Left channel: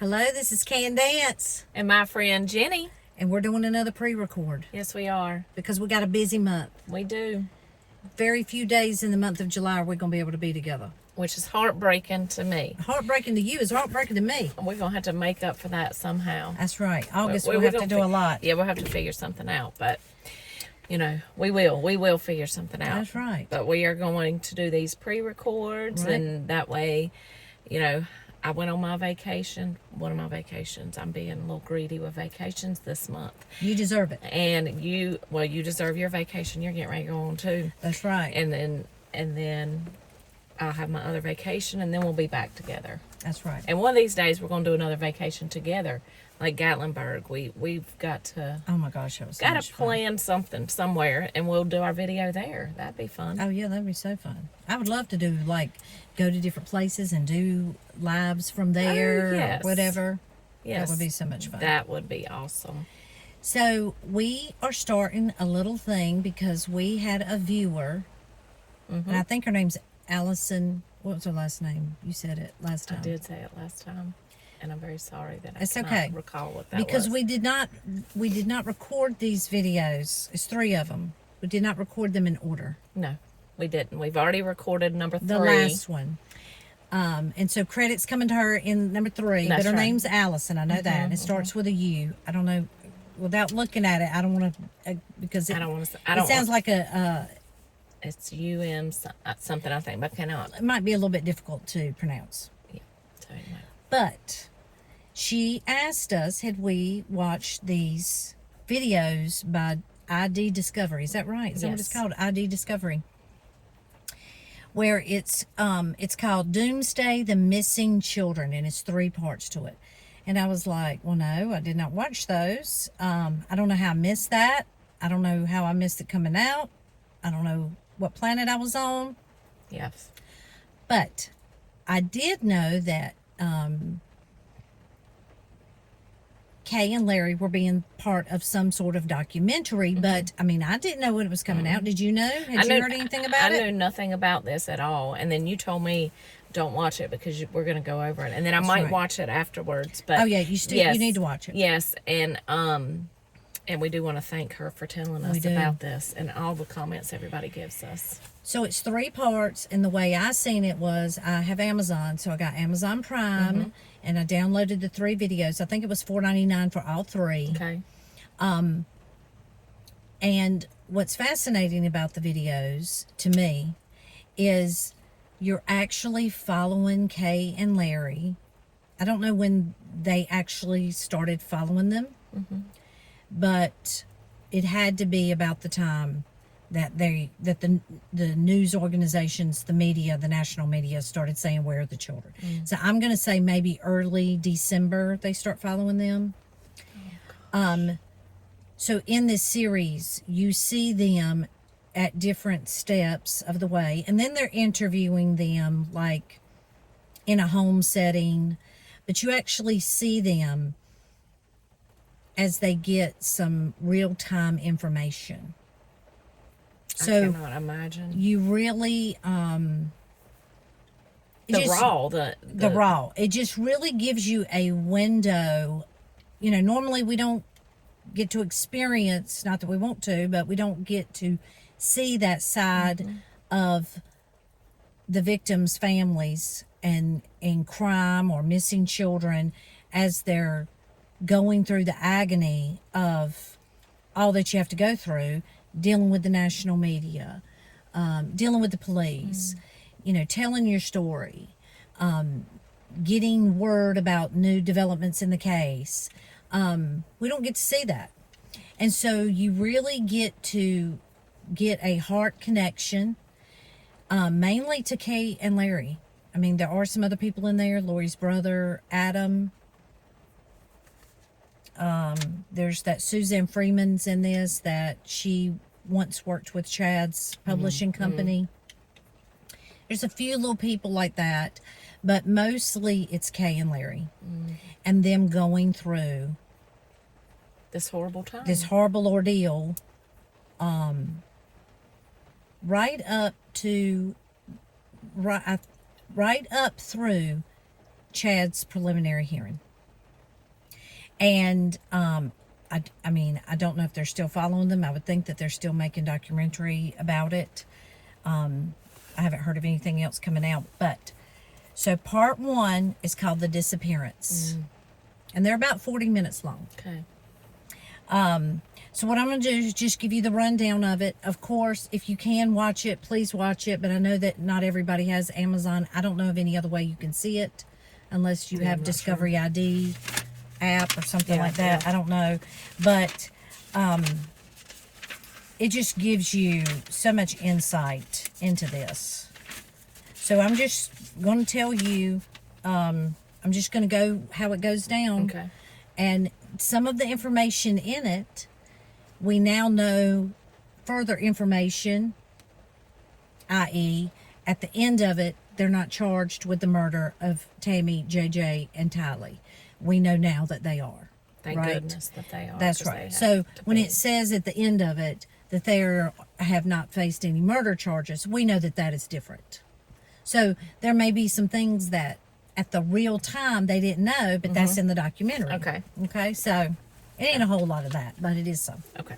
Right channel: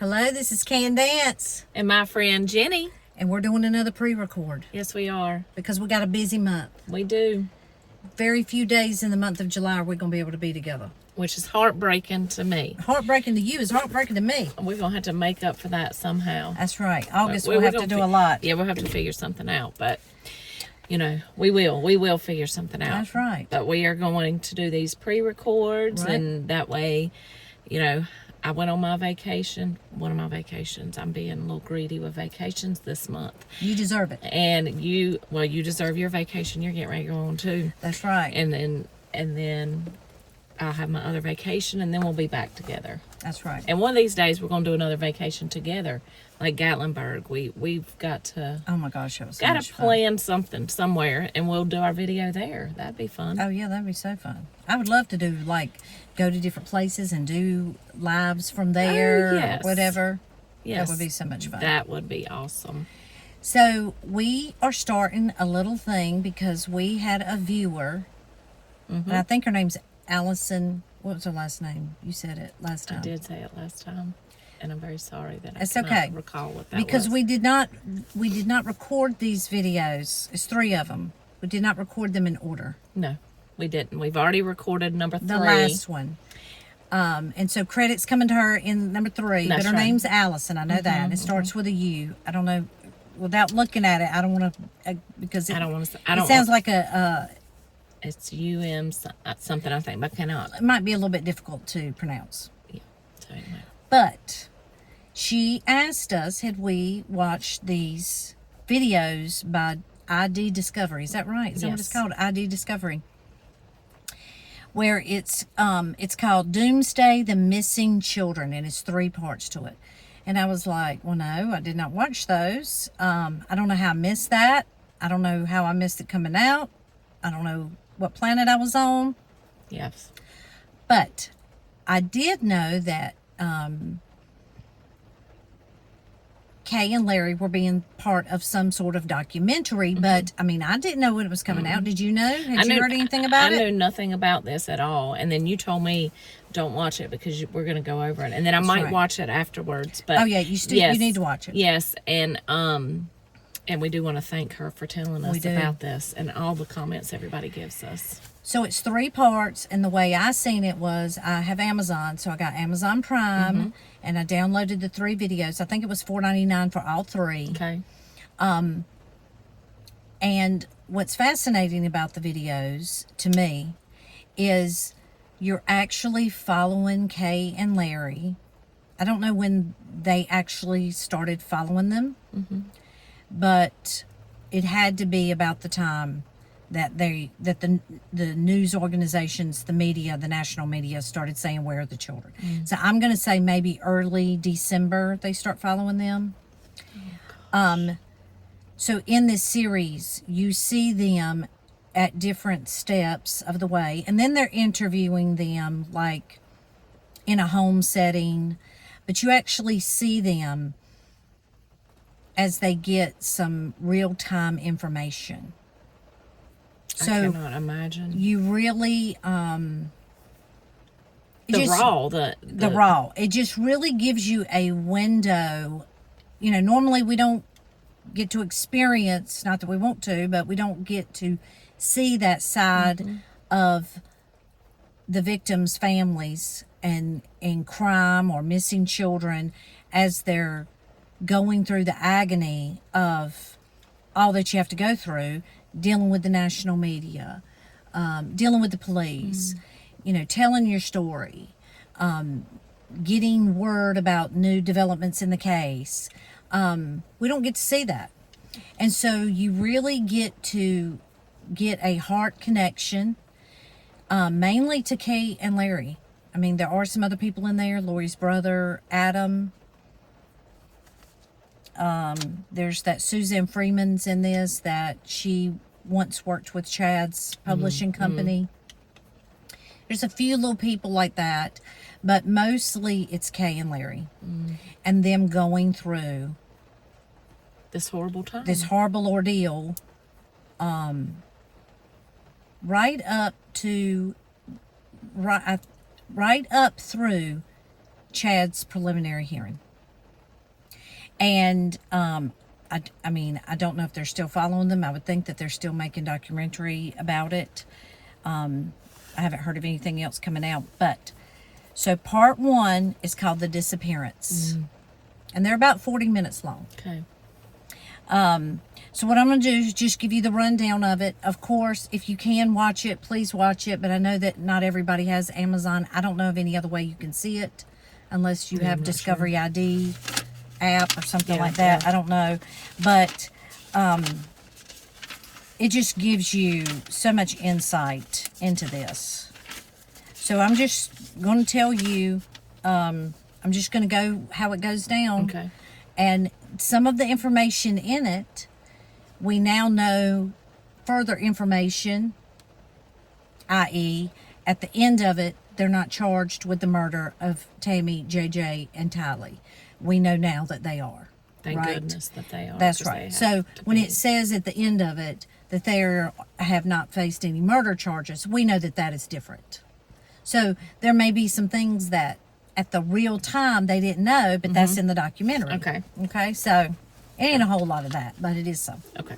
Hello, this is Kay and Dance. And my friend Jenny. And we're doing another pre-record. Yes, we are. Because we got a busy month. We do. Very few days in the month of July are we going to be able to be together. Which is heartbreaking to me. Heartbreaking to you is heartbreaking to me. We're going to have to make up for that somehow. That's right. August we'll have to do a lot. Yeah, we'll have to figure something out. But, you know, we will figure something out. That's right. But we are going to do these pre-records. Right. And that way, you know, I went on my vacation. One of my vacations. I'm being a little greedy with vacations this month. You deserve it. And you deserve your vacation. You're getting ready to go on too. That's right. And then I'll have my other vacation, and then we'll be back together. That's right. And one of these days, we're going to do another vacation together, like Gatlinburg. We've got to. Oh my gosh, that was so got much to fun. plan something somewhere, and we'll do our video there. That'd be fun. Oh yeah, that'd be so fun. I would love to do go to different places and do lives from there yes. or whatever. Yes, that would be so much fun. That would be awesome. So we are starting a little thing because we had a viewer, and I think her name's Allison. What was her last name? You said it last time. I did say it last time, and I'm very sorry that it's I cannot okay. recall what that because was. we did not record these videos. It's 3 of them. We did not record them in order. No, we didn't. We've already recorded number 3. The last one. And so credit's coming to her in number 3. That's but her right. name's Allison. I know that. And it starts with a U. I don't know. Without looking at it, I don't want to, because I don't want to. It sounds like it's UM something, I think, but I cannot. It might be a little bit difficult to pronounce. Yeah. So anyway. But she asked us, had we watched these videos by ID Discovery? Is that right? Is that what it's called? ID Discovery. Where it's called Doomsday, the Missing Children, and it's 3 parts to it. And I was like, well, no, I did not watch those. I don't know how I missed that. I don't know how I missed it coming out. I don't know what planet I was on. Yes. But I did know that Kay and Larry were being part of some sort of documentary, but I mean, I didn't know when it was coming out. Did you know? Had you heard anything about it? I knew nothing about this at all. And then you told me, don't watch it because we're going to go over it. And then I might watch it afterwards. But oh yeah, you need to watch it. Yes, and we do want to thank her for telling us about this and all the comments everybody gives us. So it's 3 parts, and the way I seen it was I have Amazon, so I got Amazon Prime, and I downloaded the 3 videos. I think it was $4.99 for all 3. Okay. And what's fascinating about the videos to me is you're actually following Kay and Larry. I don't know when they actually started following them, but it had to be about the time that the news organizations, the media, the national media started saying, where are the children? So I'm going to say maybe early December they start following them. So in this series, you see them at different steps of the way, and then they're interviewing them like in a home setting, but you actually see them as they get some real-time information. So I cannot imagine. You really the raw. It just really gives you a window. You know, normally we don't get to experience, not that we want to, but we don't get to see that side of the victims' families and in crime or missing children as they're going through the agony of all that you have to go through, dealing with the national media, dealing with the police, you know, telling your story, getting word about new developments in the case. We don't get to see that. And so you really get to get a heart connection, mainly to Kay and Larry. I mean, there are some other people in there, Lori's brother, Adam. There's that Suzanne Freeman's in this, that she once worked with Chad's publishing company. There's a few little people like that, but mostly it's Kay and Larry and them going through this horrible time, this horrible ordeal, right up through Chad's preliminary hearing. And I mean, I don't know if they're still following them. I would think that they're still making documentary about it. I haven't heard of anything else coming out. But so part 1 is called The Disappearance, and they're about 40 minutes long. Okay. So what I'm going to do is just give you the rundown of it. Of course, if you can watch it, please watch it. But I know that not everybody has Amazon. I don't know of any other way you can see it unless you have Discovery ID app or something like that. I don't know. But it just gives you so much insight into this. So I'm just going to tell you, I'm just going to go how it goes down. Okay. And some of the information in it, we now know further information, i.e., at the end of it, they're not charged with the murder of Tammy, JJ, and Tylee. We know now that they are. Thank right? goodness that they are. That's right. So when it says at the end of it that they have not faced any murder charges, we know that that is different. So there may be some things that at the real time they didn't know, but that's in the documentary. Okay. Okay, so it ain't a whole lot of that, but it is some. Okay.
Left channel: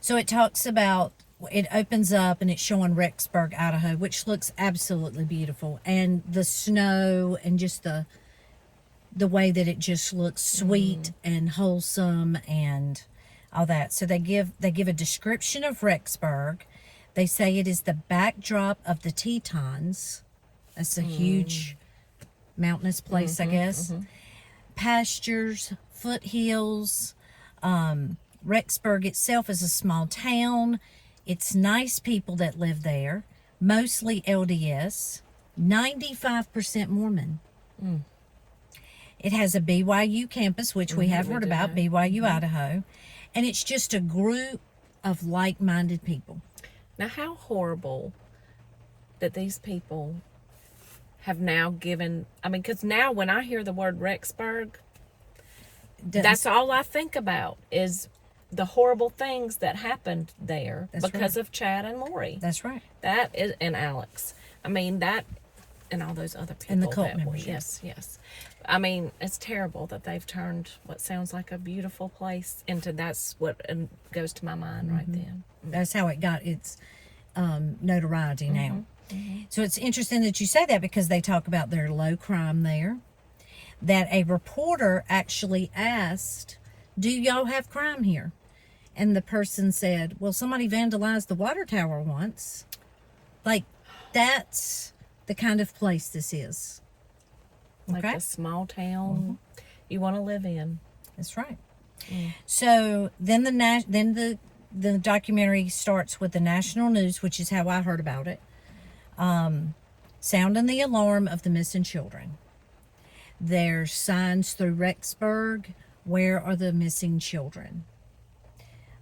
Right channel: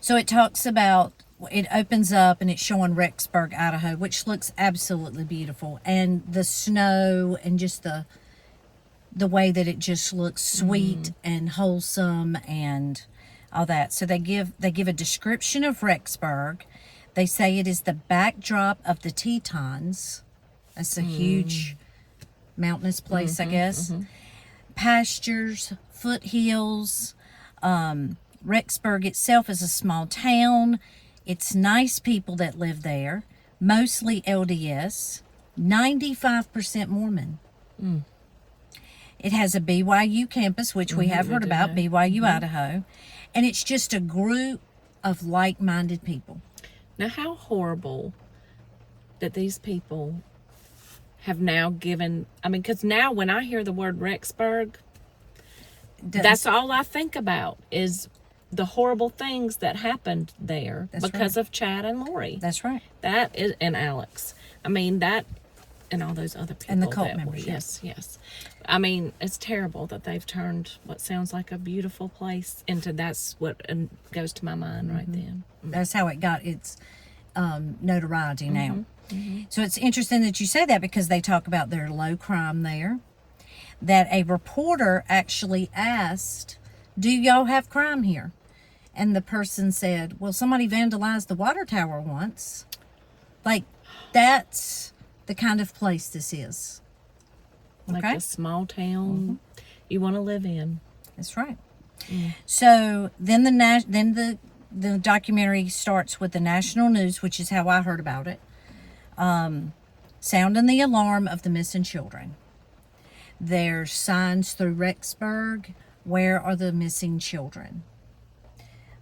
So it talks about, it opens up and it's showing Rexburg, Idaho, which looks absolutely beautiful. And the snow and just the way that it just looks sweet and wholesome and all that. So they give a description of Rexburg. They say it is the backdrop of the Tetons. That's a huge mountainous place, I guess. Pastures, foothills. Rexburg itself is a small town. It's nice people that live there, mostly LDS, 95% Mormon. It has a BYU campus, which we have heard about, BYU, Idaho. And it's just a group of like-minded people. Now, how horrible that these people have now given, I mean, because now when I hear the word Rexburg, that's all I think about is the horrible things that happened there because of Chad and Lori. That's right. That is, and Alex. I mean, that, and all those other people. And the cult that members. Yes. I mean, it's terrible that they've turned what sounds like a beautiful place into, that's what goes to my mind right then. That's how it got its notoriety now. So it's interesting that you say that because they talk about their low crime there. That a reporter actually asked, "Do y'all have crime here?" And the person said, "Well, somebody vandalized the water tower once." Like, that's the kind of place this is. Like a small town you want to live in. That's right. So then the documentary starts with the national news, which is how I heard about it. Sounding the alarm of the missing children. There's signs through Rexburg. Where are the missing children?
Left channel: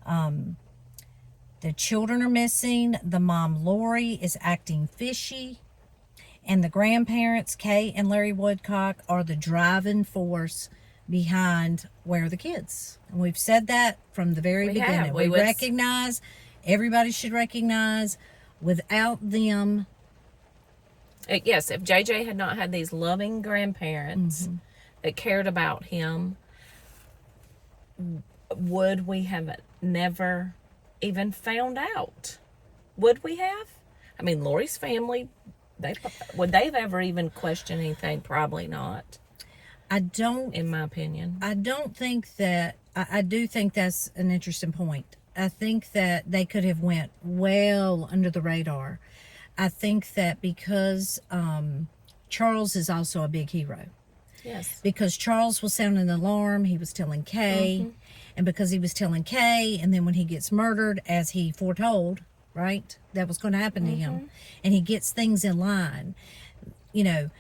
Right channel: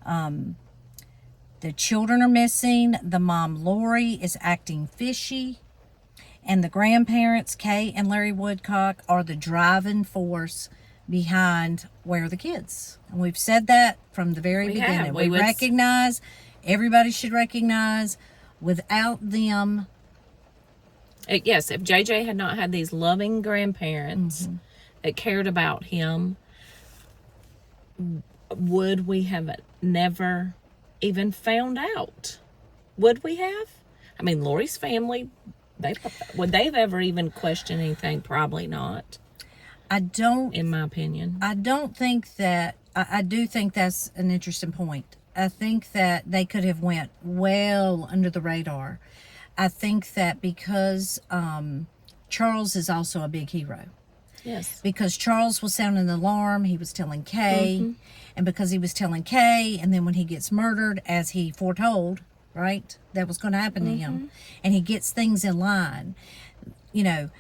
The children are missing. The mom, Lori, is acting fishy. And the grandparents, Kay and Larry Woodcock, are the driving force behind where are the kids. And we've said that from the very beginning. We recognize, everybody should recognize, without them. Yes, if JJ had not had these loving grandparents that cared about him, would we have never even found out? Would we have? I mean, Lori's family, would they have ever even questioned anything? Probably not. I don't, in my opinion. I don't think that, I do think that's an interesting point. I think that they could have went well under the radar. I think that because Charles is also a big hero. Yes. Because Charles was sounding the alarm, he was telling Kay, and because he was telling Kay, and then when he gets murdered, as he foretold, right, that was going to happen to him, and he gets things in line, you know,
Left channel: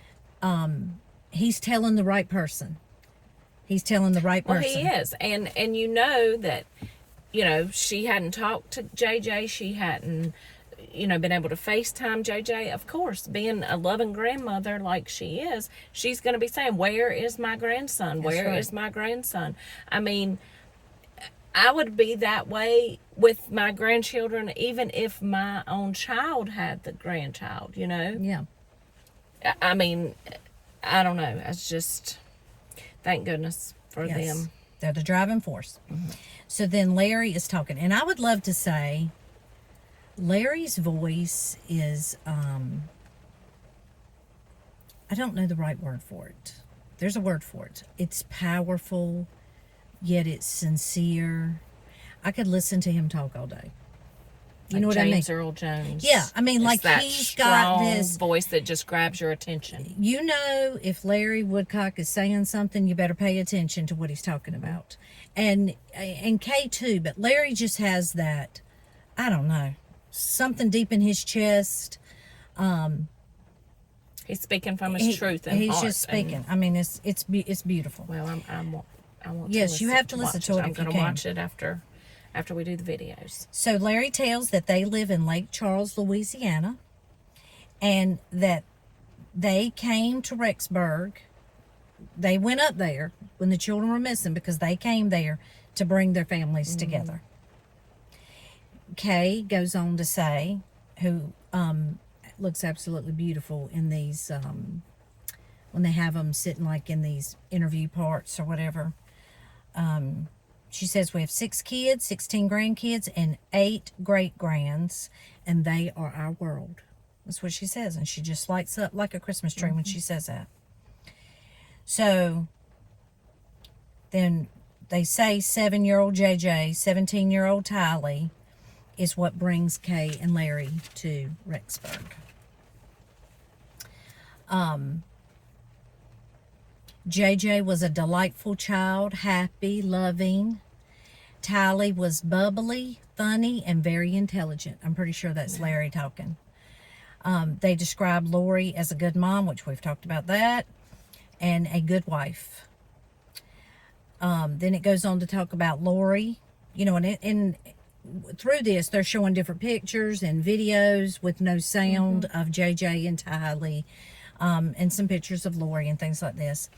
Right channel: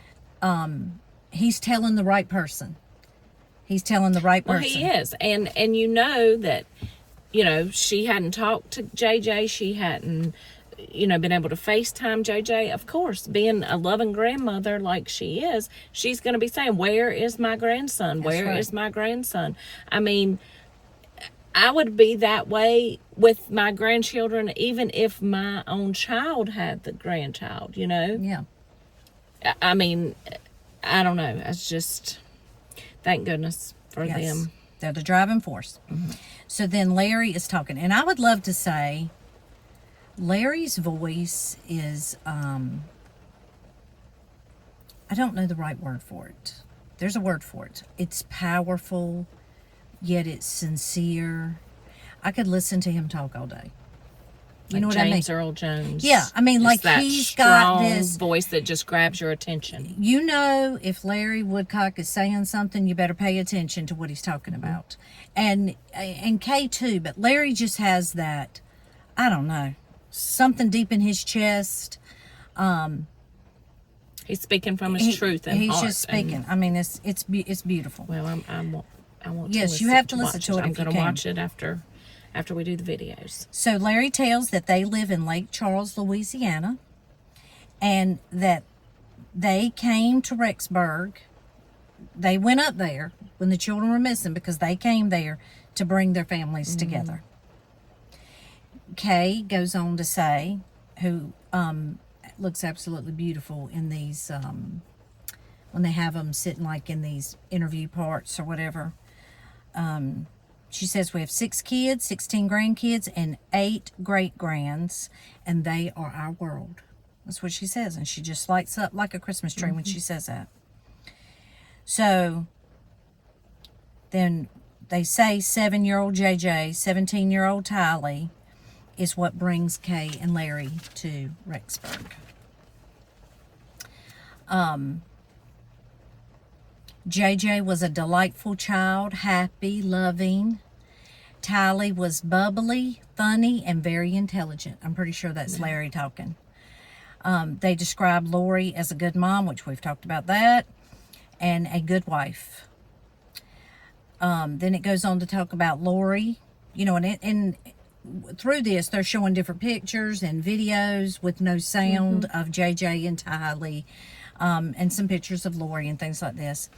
he's telling the right person. He's telling the right person. Well, he is, and you know that, you know, she hadn't talked to JJ, she hadn't, you know, been able to FaceTime JJ. Of course, being a loving grandmother like she is, she's going to be saying, "Where is my grandson? Where is my grandson?" I mean, I would be that way with my grandchildren, even if my own child had the grandchild, you know? Yeah. I mean, I don't know. It's just, thank goodness for Yes. them. They're the driving force. So then Larry is talking, and I would love to say Larry's voice is, I don't know the right word for it. There's a word for it. It's powerful, yet it's sincere. I could listen to him talk all day. You Like know what I mean? James Earl Jones. Yeah, I mean, It's like that he's got strong this voice that just grabs your attention. You know, if Larry Woodcock is saying something, you better pay attention to what he's talking about. And Kay too, but Larry just has that, I don't know, something deep in his chest. He's speaking from his truth and he's heart. just speaking. I mean, it's beautiful. Well, I want. Yes, you have to listen to it I'm if you going to can. watch it after we do the videos. So Larry tells that they live in Lake Charles, Louisiana, and that they came to Rexburg. They went up there when the children were missing because they came there to bring their families together. Kay goes on to say, who looks absolutely beautiful in these, when they have them sitting like in these interview parts or whatever. She says, we have 6 kids, 16 grandkids, and 8 great-grands, and they are our world. That's what she says, and she just lights up like a Christmas tree when she says that. So, then they say 7-year-old JJ, 17-year-old Tylee is what brings Kay and Larry to Rexburg. JJ was a delightful child, happy, loving. Tylee was bubbly, funny, and very intelligent. I'm pretty sure that's Larry talking. They describe Lori as a good mom, which we've talked about that, and a good wife. Then it goes on to talk about Lori, you know, and through this, they're showing different pictures and videos with no sound of JJ and Tylee, and some pictures of Lori and things like this.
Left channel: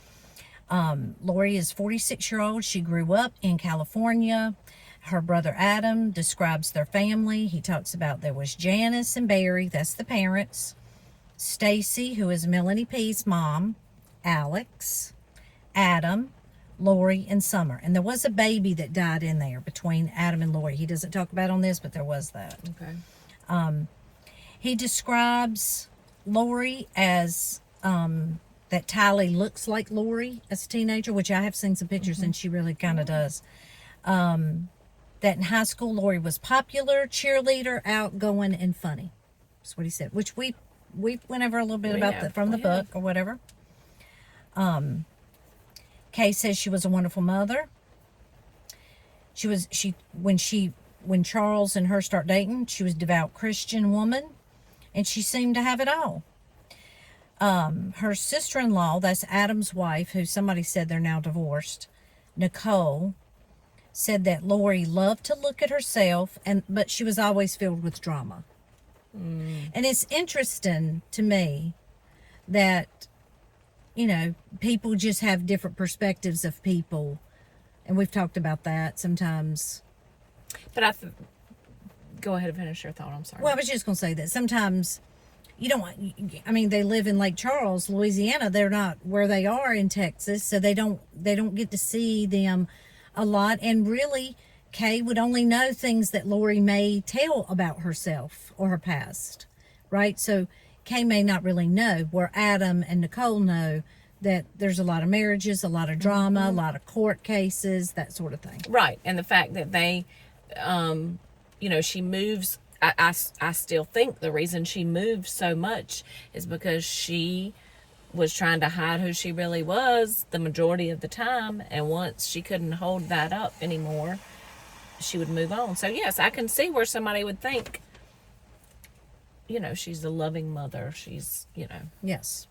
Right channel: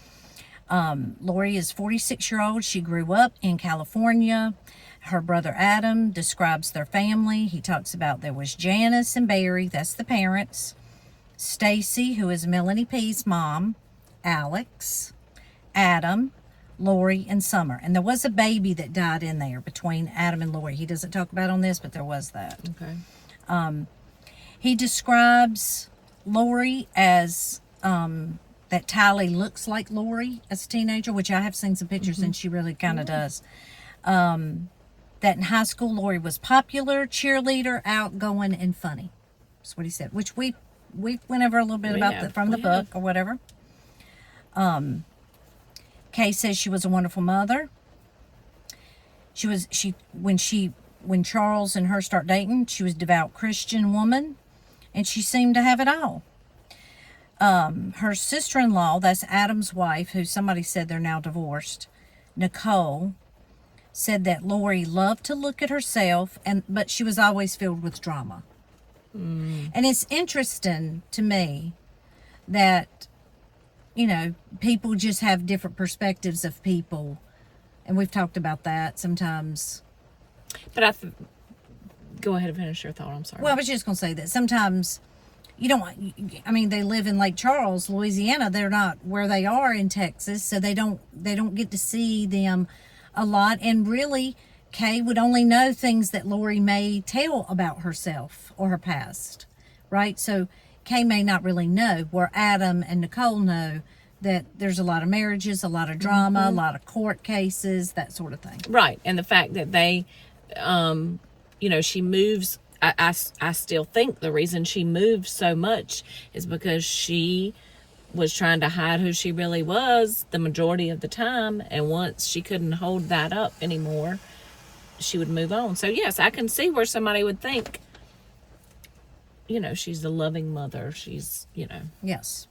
Lori is 46-year-old. She grew up in California. Her brother Adam describes their family. He talks about there was Janice and Barry, that's the parents. Stacy, who is Melanie P's mom. Alex, Adam, Lori, and Summer. And there was a baby that died in there between Adam and Lori. He doesn't talk about on this, but there was that. Okay. He describes Lori as that Tylee looks like Lori as a teenager, which I have seen some pictures and she really kind of does. That in high school, Lori was popular, cheerleader, outgoing, and funny. That's what he said, which we went over a little bit about that from the book or whatever. Kay says she was a wonderful mother. When Charles and her start dating, she was a devout Christian woman, and she seemed to have it all. Her sister-in-law, that's Adam's wife, who somebody said they're now divorced, Nicole, said that Lori loved to look at herself, but she was always filled with drama. And it's interesting to me that, you know, people just have different perspectives of people, and we've talked about that sometimes. But go ahead and finish your thought. I'm sorry. Well, I was just going to say that sometimes you don't, I mean, they live in Lake Charles, Louisiana. They're not where they are in Texas, so they don't get to see them a lot. And really, Kay would only know things that Lori may tell about herself or her past, right? So Kay may not really know, where Adam and Nicole know that there's a lot of marriages, a lot of drama, a lot of court cases, that sort of thing. Right. And the fact that they, you know, she moves, I still think the reason she moved so much is because she was trying to hide who she really was the majority of the time. And once she couldn't hold that up anymore, she would move on. So yes, I can see where somebody would think, you know, she's a loving mother. She's, you know. Yes.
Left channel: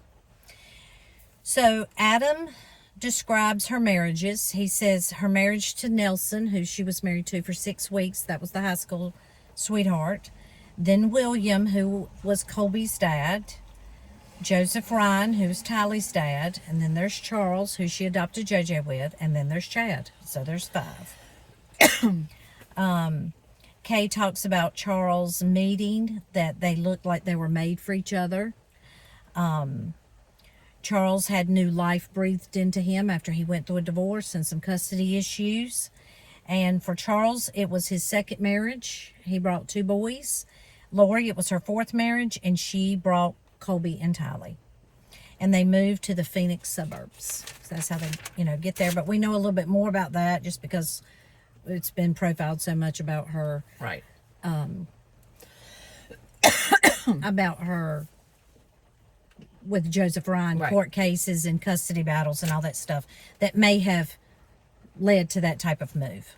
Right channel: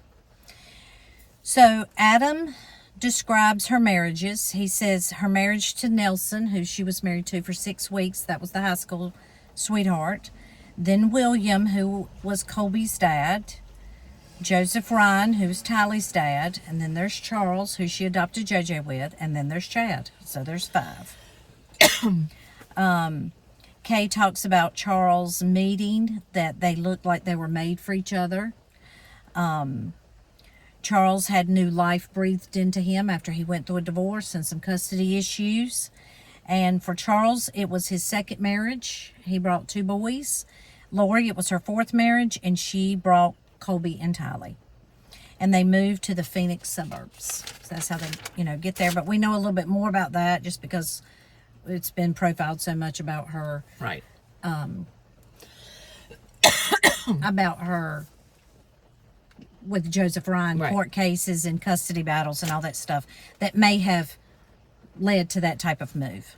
So Adam describes her marriages. He says her marriage to Nelson, who she was married to for 6 weeks. That was the high school sweetheart. Then William, who was Colby's dad. Joseph Ryan, who's Tylee's dad. And then there's Charles, who she adopted JJ with. And then there's Chad. So there's 5. Kay talks about Charles meeting, that they looked like they were made for each other. Charles had new life breathed into him after he went through a divorce and some custody issues. And for Charles, it was his second marriage. He brought 2 boys. Lori, it was her 4th marriage, and she brought Colby and Tylee. And they moved to the Phoenix suburbs. So that's how they, get there. But we know a little bit more about that just because it's been profiled so much about her. Right. About her with Joseph Ryan, Right. court cases and custody battles and all that stuff that may have led to that type of move.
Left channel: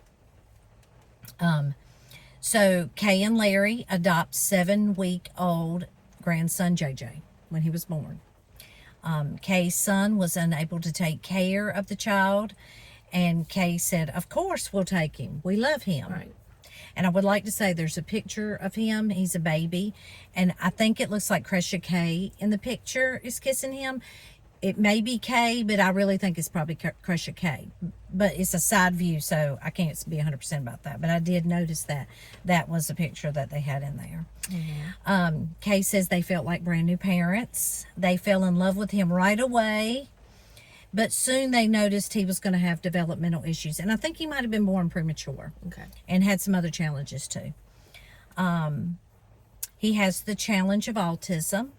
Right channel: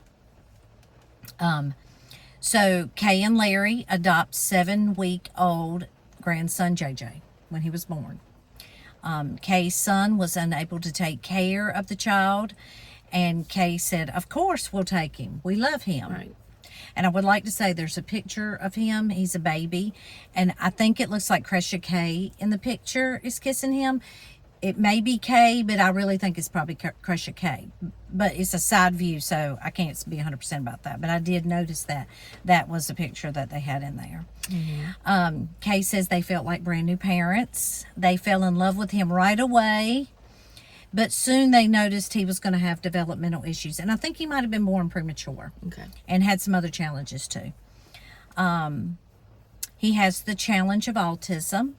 So Kay and Larry adopt 7-week-old grandson JJ when he was born. Kay's son was unable to take care of the child, and Kay said, "Of course we'll take him. We love him." Right. And I would like to say there's a picture of him. He's a baby, and I think it looks like Crescia Kay in the picture is kissing him. It may be Kay, but I really think it's probably Crescia Kay. But it's a side view, so I can't be 100% about that. But I did notice that was a picture that they had in there. Mm-hmm. Kay says they felt like brand new parents. They fell in love with him right away. But soon they noticed he was going to have developmental issues. And I think he might have been born premature. Okay. And had some other challenges too. He has the challenge of autism.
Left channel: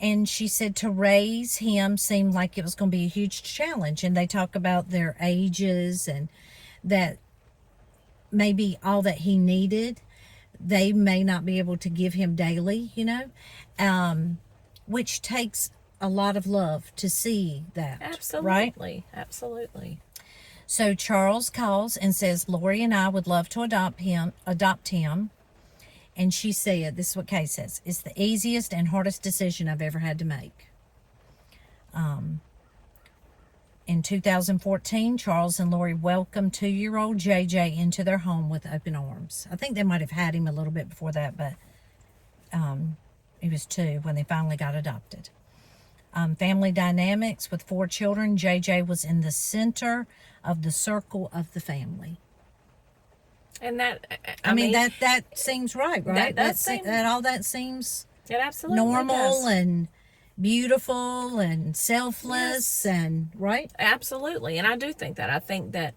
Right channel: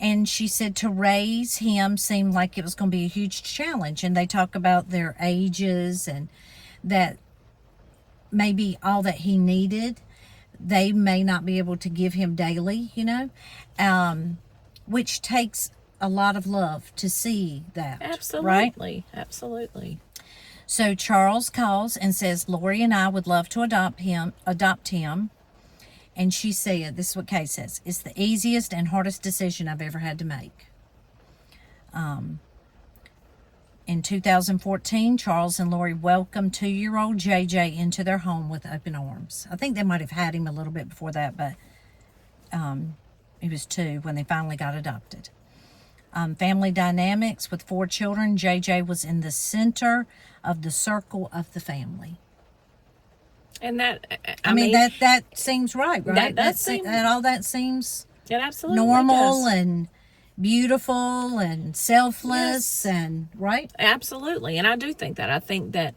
And she said to raise him seemed like it was going to be a huge challenge. And they talk about their ages and that maybe all that he needed, they may not be able to give him daily, which takes a lot of love to see that. Absolutely. Right? Absolutely. So Charles calls and says, "Lori and I would love to adopt him. And she said, this is what Kay says, "It's the easiest and hardest decision I've ever had to make." In 2014, Charles and Lori welcomed 2-year-old JJ into their home with open arms. I think they might have had him a little bit before that, but he was 2 when they finally got adopted. Family dynamics with 4 children. JJ was in the center of the circle of the family. And that, I mean that seems right? That does seem... That seems It absolutely normal does. and beautiful and selfless, and right? Absolutely. And I do think that. I think that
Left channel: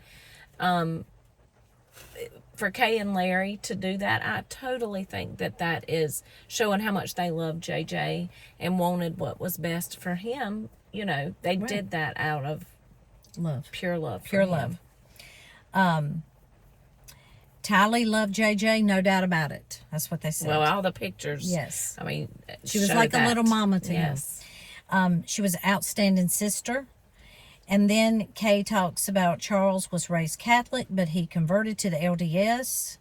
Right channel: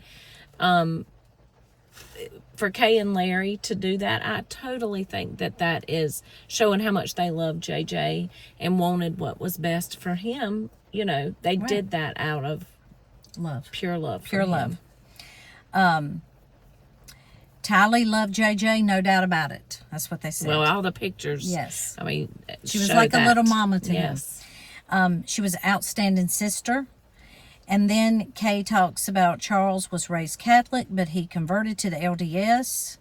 for Kay and Larry to do that, I totally think that is showing how much they love JJ and wanted what was best for him. They Right. did that out of Love. pure love. For Pure him. love. Tylee loved JJ, no doubt about it. That's what they said. Well, all the pictures. Yes. I mean, She was show like that. a little mama to Yes. him. She was an outstanding sister. And then Kay talks about Charles was raised Catholic, but he converted to the LDS.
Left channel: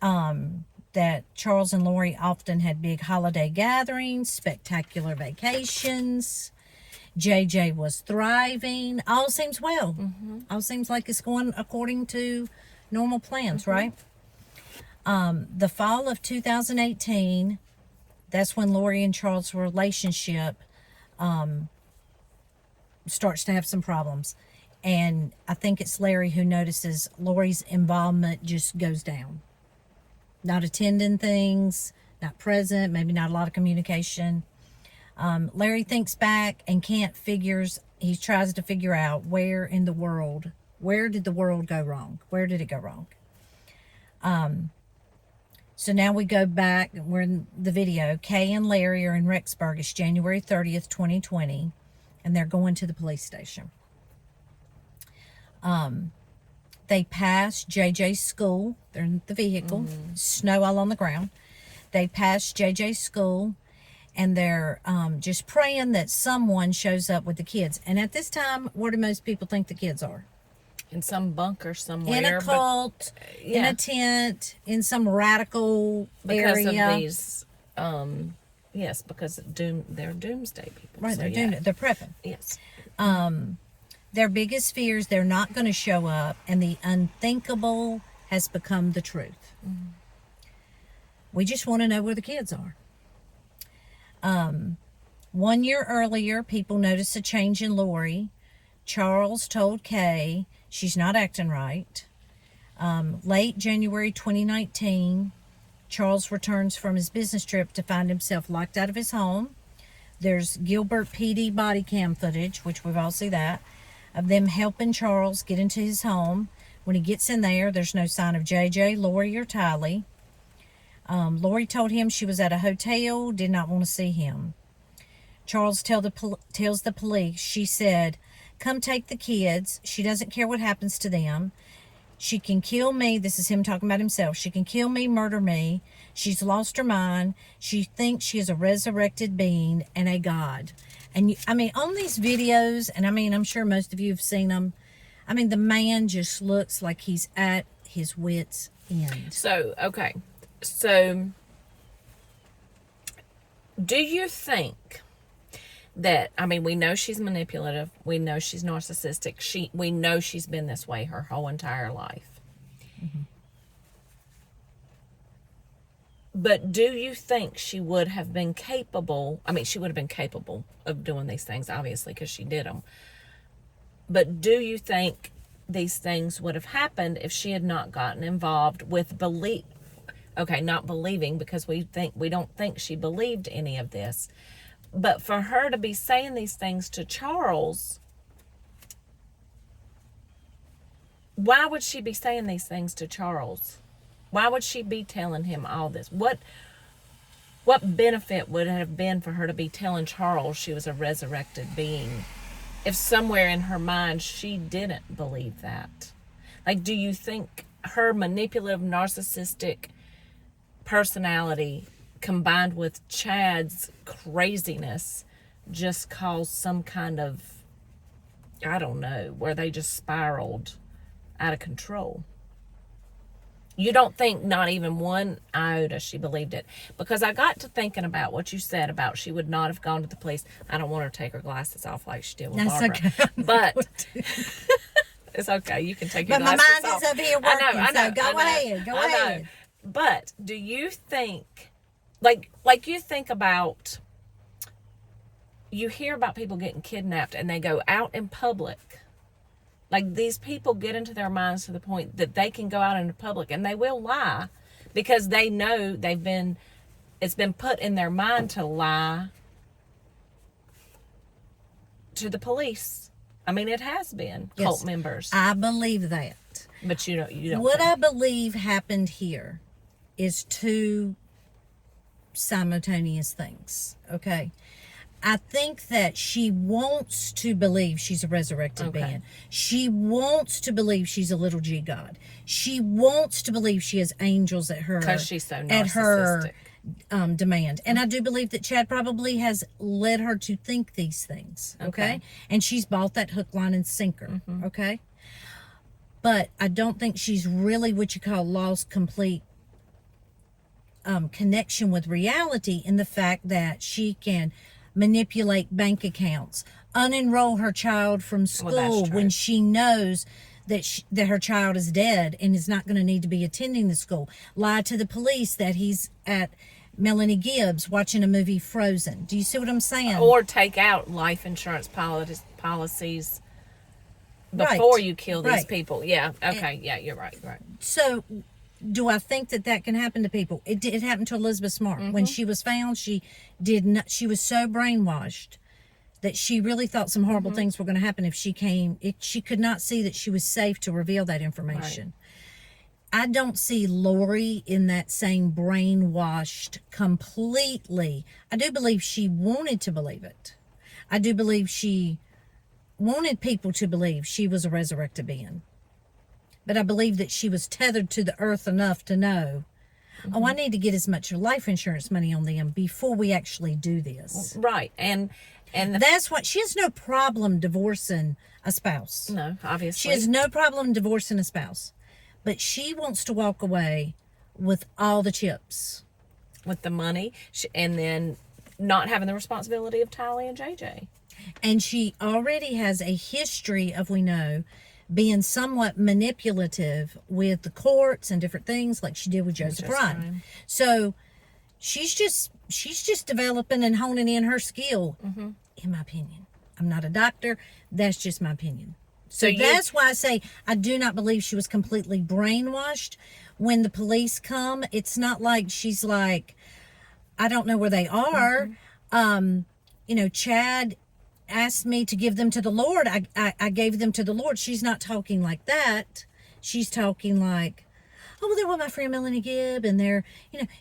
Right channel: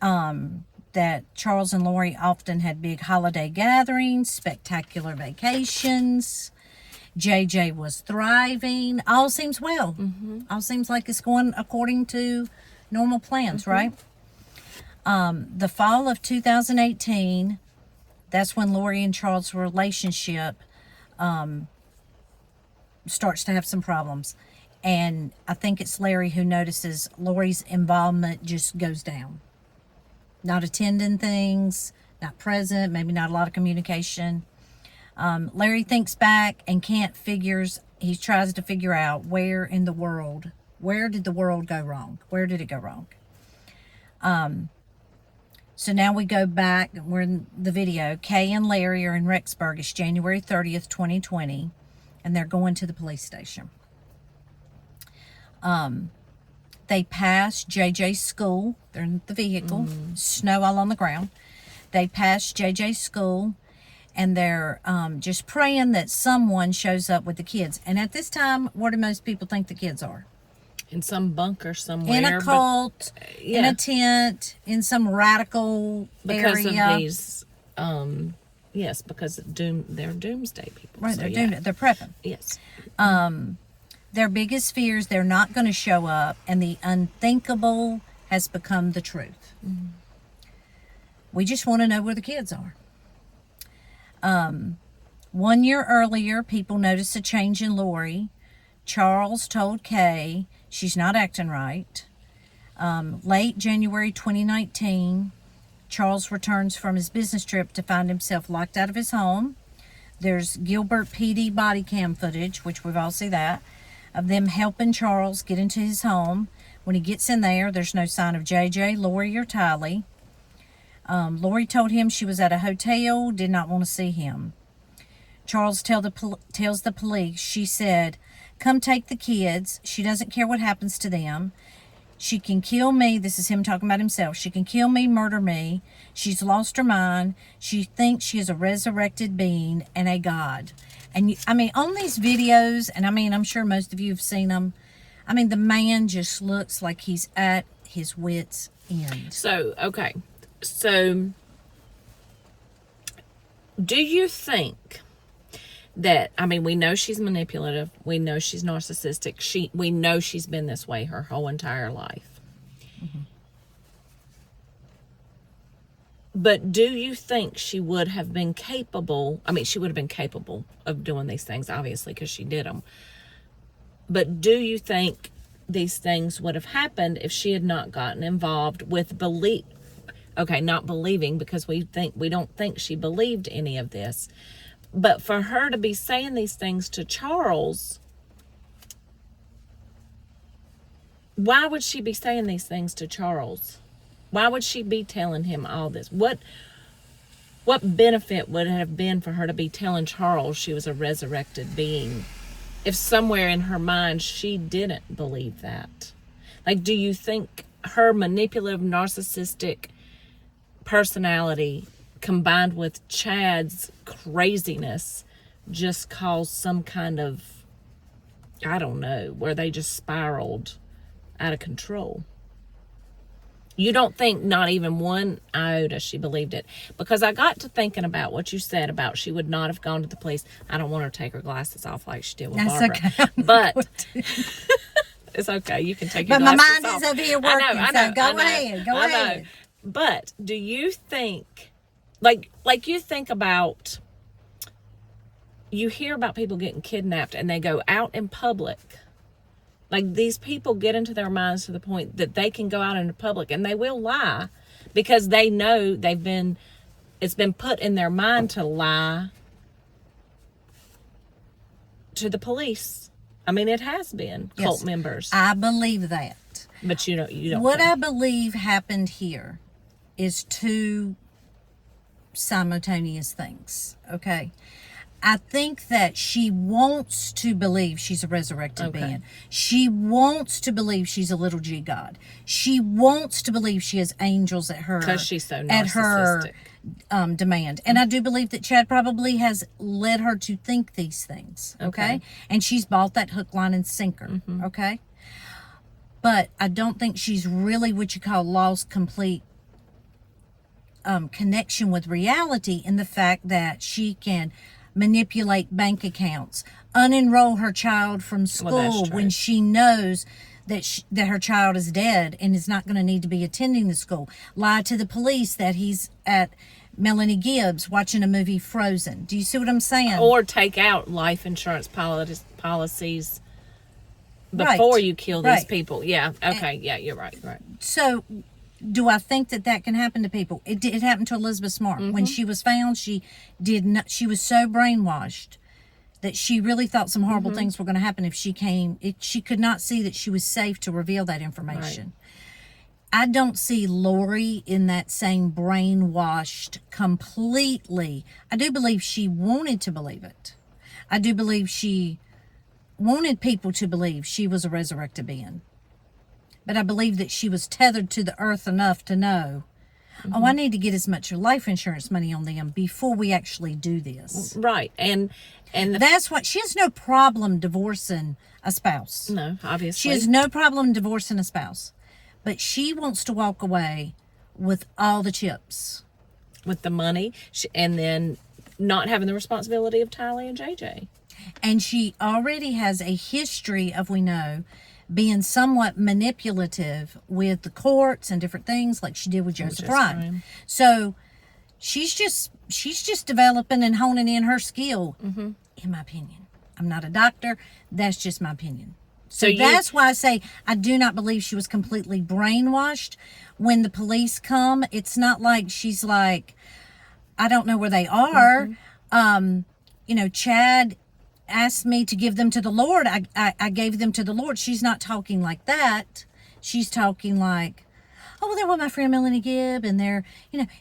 That Charles and Lori often had big holiday gatherings, spectacular vacations. JJ was thriving. All seems well. Mm-hmm. All seems like it's going according to normal plans, right? The fall of 2018, that's when Lori and Charles' relationship starts to have some problems. And I think it's Larry who notices Lori's involvement just goes down. Not attending things, not present, maybe not a lot of communication. Larry thinks back and he tries to figure out where did the world go wrong? Where did it go wrong? So now we go back, we're in the video. Kay and Larry are in Rexburg. It's January 30th, 2020, and they're going to the police station. They pass JJ's school. They're in the vehicle. Snow all on the ground. They pass JJ's school, and they're just praying that someone shows up with the kids. And at this time, what do most people think the kids are? In some bunker somewhere. In a cult, in a tent, in some radical because area. of these, yes, because they're doomsday people. Right, so, they're yeah. doing it. They're prepping. Yes. Their biggest fears, they're not going to show up, and the unthinkable has become the truth. We just want to know where the kids are. 1 year earlier, people noticed a change in Lori. Charles told Kay she's not acting right. Late January 2019, Charles returns from his business trip to find himself locked out of his home. There's Gilbert PD body cam footage, which we've all seen that, of them helping Charles get into his home. When he gets in there, there's no sign of JJ, Lori, or Tylee. Lori told him she was at a hotel, did not want to see him. Charles tells the police, she said, come take the kids. She doesn't care what happens to them. She can kill me. This is him talking about himself. She can kill me, murder me. She's lost her mind. She thinks she is a resurrected being and a god. And I mean, on these videos, and I mean, I'm sure most of you have seen them, I mean, the man just looks like he's at his wit's end. So, okay. So, do you think that, I mean, we know she's manipulative. We know she's narcissistic. We know she's been this way her whole entire life. Mm-hmm. But do you think she would have been capable? I mean, she would have been capable of doing these things, obviously, because she did them. But do you think these things would have happened if she had not gotten involved with belief? Okay, not believing, because we don't think she believed any of this. But for her to be saying these things to Charles, why would she be saying these things to Charles? Why would she be telling him all this? What benefit would it have been for her to be telling Charles she was a resurrected being if somewhere in her mind she didn't believe that? Like, do you think her manipulative, narcissistic personality combined with Chad's craziness just caused some kind of, I don't know, where they just spiraled out of control? You don't think not even one iota she believed it? Because I got to thinking about what you said about she would not have gone to the police. I don't want her to take her glasses off like she did with Barbara. Okay. But it's okay. You can take your But my glasses mind off. is over here working, I know, so go ahead. Go ahead. But do you think, like you think about, you hear about people getting kidnapped and they go out in public. Like, these people get into their minds to the point that they can go out into public and they will lie because they know it's been put in their mind to lie to the police. I mean, it has been cult members. I believe that. But you don't. What I believe happened here is two simultaneous things. Okay. I think that she wants to believe she's a resurrected being. She wants to believe she's a little G God. She wants to believe she has angels at her, because she's so narcissistic. at her demand. And I do believe that Chad probably has led her to think these things. Okay. And she's bought that hook, line, and sinker. Okay. But I don't think she's really what you call lost complete connection with reality, in the fact that she can manipulate bank accounts, unenroll her child from school when she knows that her child is dead and is not going to need to be attending the school, lie to the police that he's at Melanie Gibbs watching a movie Frozen. Do you see what I'm saying? Or take out life insurance policies before you kill these people. Yeah. Okay. Yeah, you're right. So, do I think that can happen to people? It happened to Elizabeth Smart. When she was found, she was so brainwashed that she really thought some horrible things were going to happen if she came. She could not see that she was safe to reveal that information. Right. I don't see Lori in that same brainwashed completely. I do believe she wanted to believe it. I do believe she wanted people to believe she was a resurrected being. But I believe that she was tethered to the earth enough to know, oh, I need to get as much life insurance money on them before we actually do this. Right. And that's what, she has no problem divorcing a spouse. No, obviously. She has no problem divorcing a spouse. But she wants to walk away with all the chips. With the money, and then not having the responsibility of Tylee and JJ. And she already has a history of, we know, being somewhat manipulative with the courts and different things, like she did with Joseph Ryan. So she's just developing and honing in her skill, in my opinion. I'm not a doctor. That's just my opinion. So that's why I say I do not believe she was completely brainwashed. When the police come, it's not like she's like, I don't know where they are. Chad asked me to give them to the Lord. I gave them to the Lord. She's not talking like that. She's talking like, oh, well, they're with my friend Melanie Gibb, and they're,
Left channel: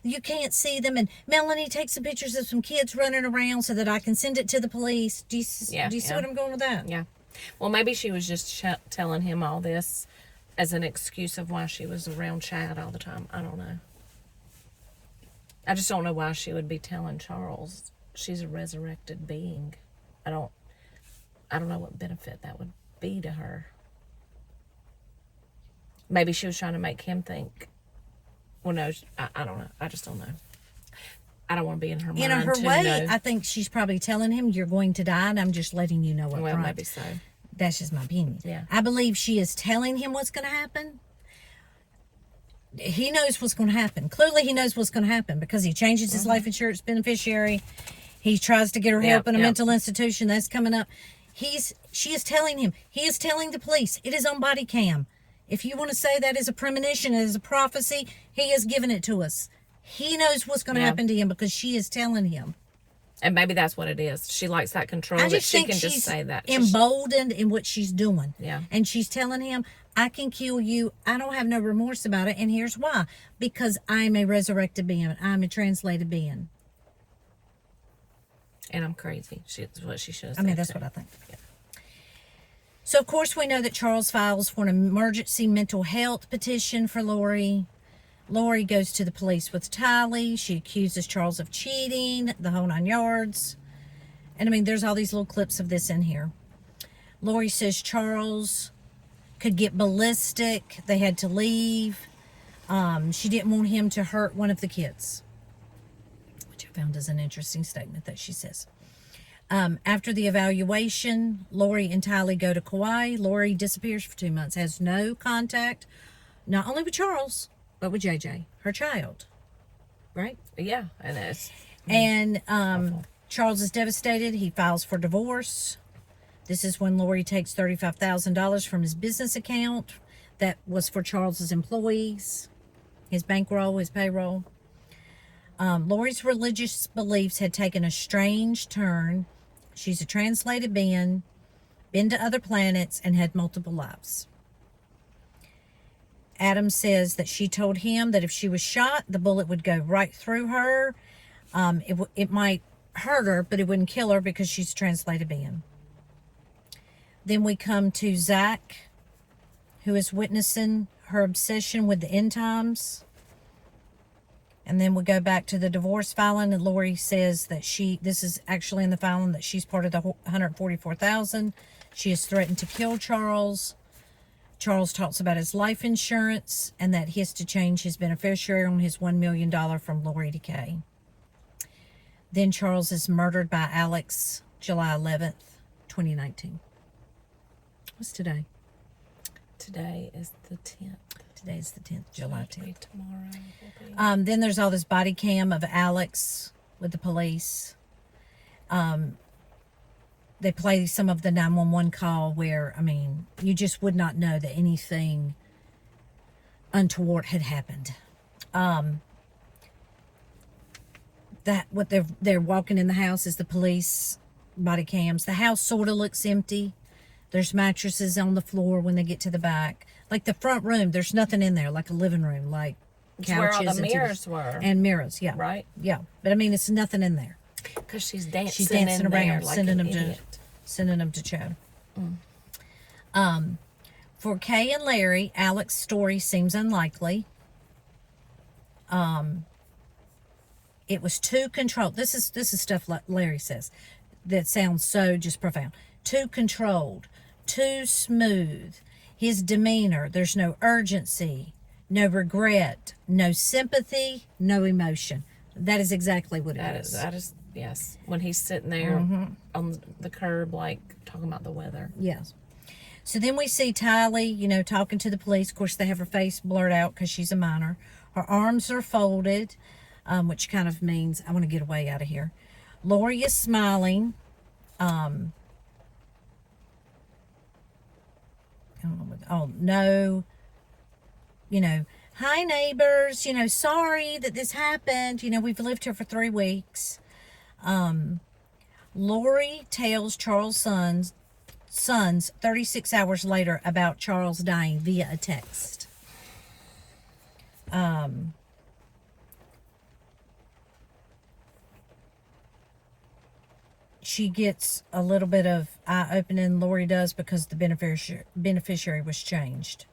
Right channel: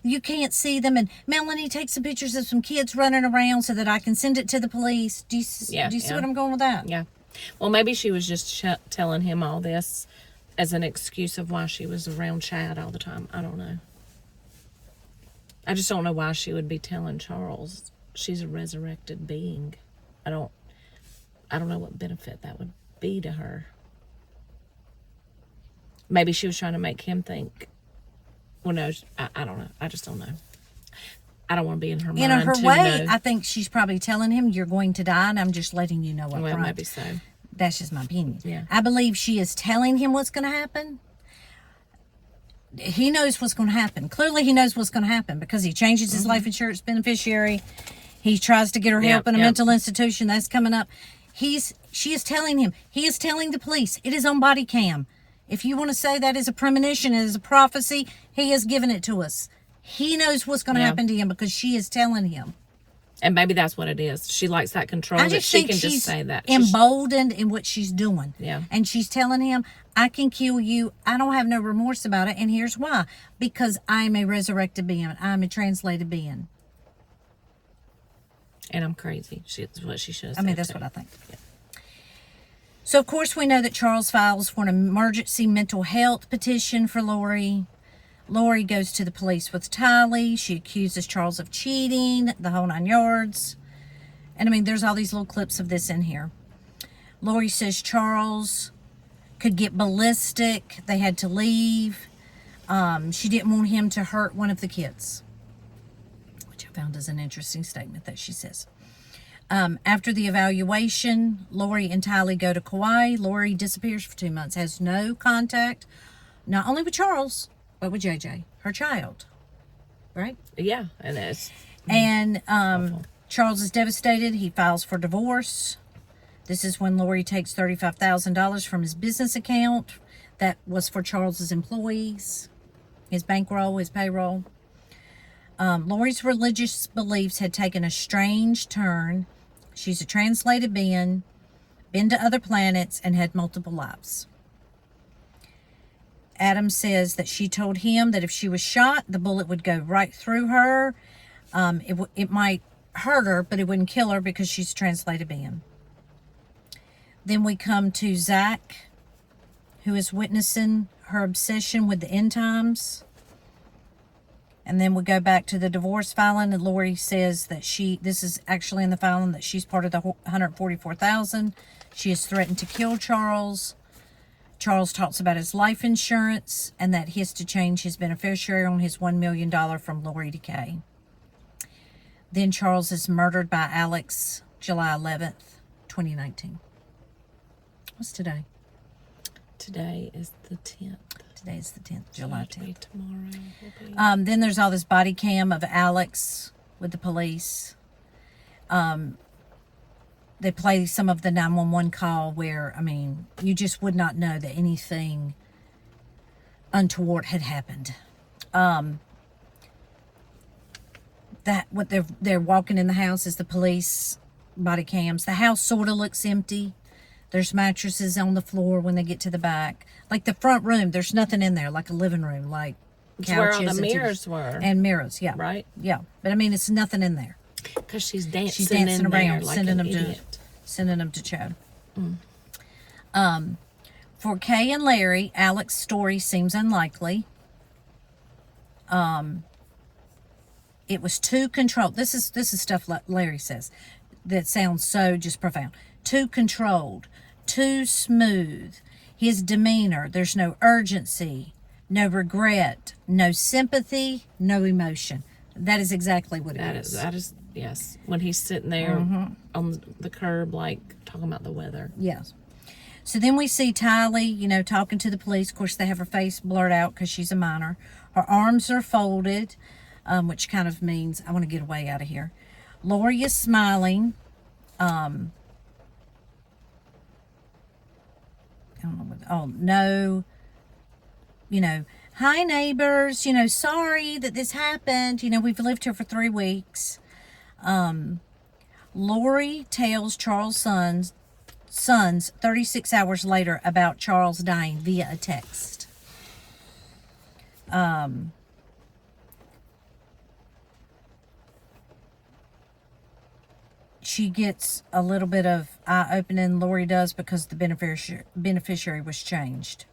you can't see them. And Melanie takes some pictures of some kids running around so that I can send it to the police. Do you see what I'm going with that? Yeah. Well, maybe she was just telling him all this as an excuse of why she was around Chad all the time. I don't know. I just don't know why she would be telling Charles she's a resurrected being. I don't know what benefit that would be to her. Maybe she was trying to make him think. Well, no, I don't know. I just don't know. I don't want to be in her mind. In her way, I think she's probably telling him, you're going to die, and I'm just letting you know up front. Maybe so. That's just my opinion. Yeah. I believe she is telling him what's going to happen. He knows what's going to happen. Clearly, he knows what's going to happen because he changes his life insurance beneficiary. He tries to get her help in a mental institution. That's coming up. She is telling him. He is telling the police. It is on body cam. If you want to say that is a premonition, it is a prophecy, he has given it to us. He knows what's going to happen to him because she is telling him. And maybe that's what it is. She likes that control that she can just say that. Emboldened in what she's doing. Yeah. And she's telling him, I can kill you. I don't have no remorse about it. And here's why. Because I'm a resurrected being. I'm a translated being. And I'm crazy. That's what she should have said. I mean, that's what I think. Yeah. So, of course, we know that Charles files for an emergency mental health petition for Lori. Lori goes to the police with Tylee. She accuses Charles of cheating, the whole 9 yards. And, I mean, there's all these little clips of this in here. Lori says Charles could get ballistic. They had to leave. She didn't want him to hurt one of the kids, which I found is an interesting statement that she says. After the evaluation, Lori and Tylee go to Kauai. Lori disappears for 2 months, has no contact, not only with Charles, but with JJ, her child. Right? Yeah, and that's and Charles is devastated. He files for divorce. This is when Lori takes $35,000 from his business account that was for Charles's employees, his bankroll, his payroll. Lori's religious beliefs had taken a strange turn. She's a translated being, been to other planets, and had multiple lives. Adam says that she told him that if she was shot, the bullet would go right through her. It might hurt her, but it wouldn't kill her because she's a translated being. Then we come to Zach, who is witnessing her obsession with the end times. And then we go back to the divorce filing, and Lori says that this is actually in the filing, that she's part of the $144,000. She has threatened to kill Charles. Charles talks about his life insurance and that he has to change his beneficiary on his $1 million from Lori to Kay. Then Charles is murdered by Alex, July 11th, 2019. What's today? Today is the 10th. Today's the 10th, July 10th. Tomorrow. Then there's all this body cam of Alex with the police. They play some of the 911 call where, I mean, you just would not know that anything untoward had happened. That what they're walking in the house is the police body cams. The house sort of looks empty. There's mattresses on the floor when they get to the back. Like the front room, there's nothing in there, like a living room, like couches. Where all the mirrors were. And mirrors, yeah. Right? Yeah. But I mean, it's nothing in there. Because she's dancing in around there, like sending an them idiot. Sending them to Chad. For Kay and Larry, Alex's story seems unlikely. It was too controlled. This is stuff like Larry says that sounds so just profound. Too controlled, too smooth. His demeanor, there's no urgency, no regret, no sympathy, no emotion. That is exactly what it is. That is, yes. When he's sitting there on the curb, like, talking about the weather. Yes. So then we see Tylee, talking to the police. Of course, they have her face blurred out because she's a minor. Her arms are folded, which kind of means, I want to get away out of here. Lori is smiling. I don't know no, hi neighbors, Lori tells Charles' sons 36 hours later about Charles dying via a text. She gets a little bit of eye-opening, Lori does, because the beneficiary was changed.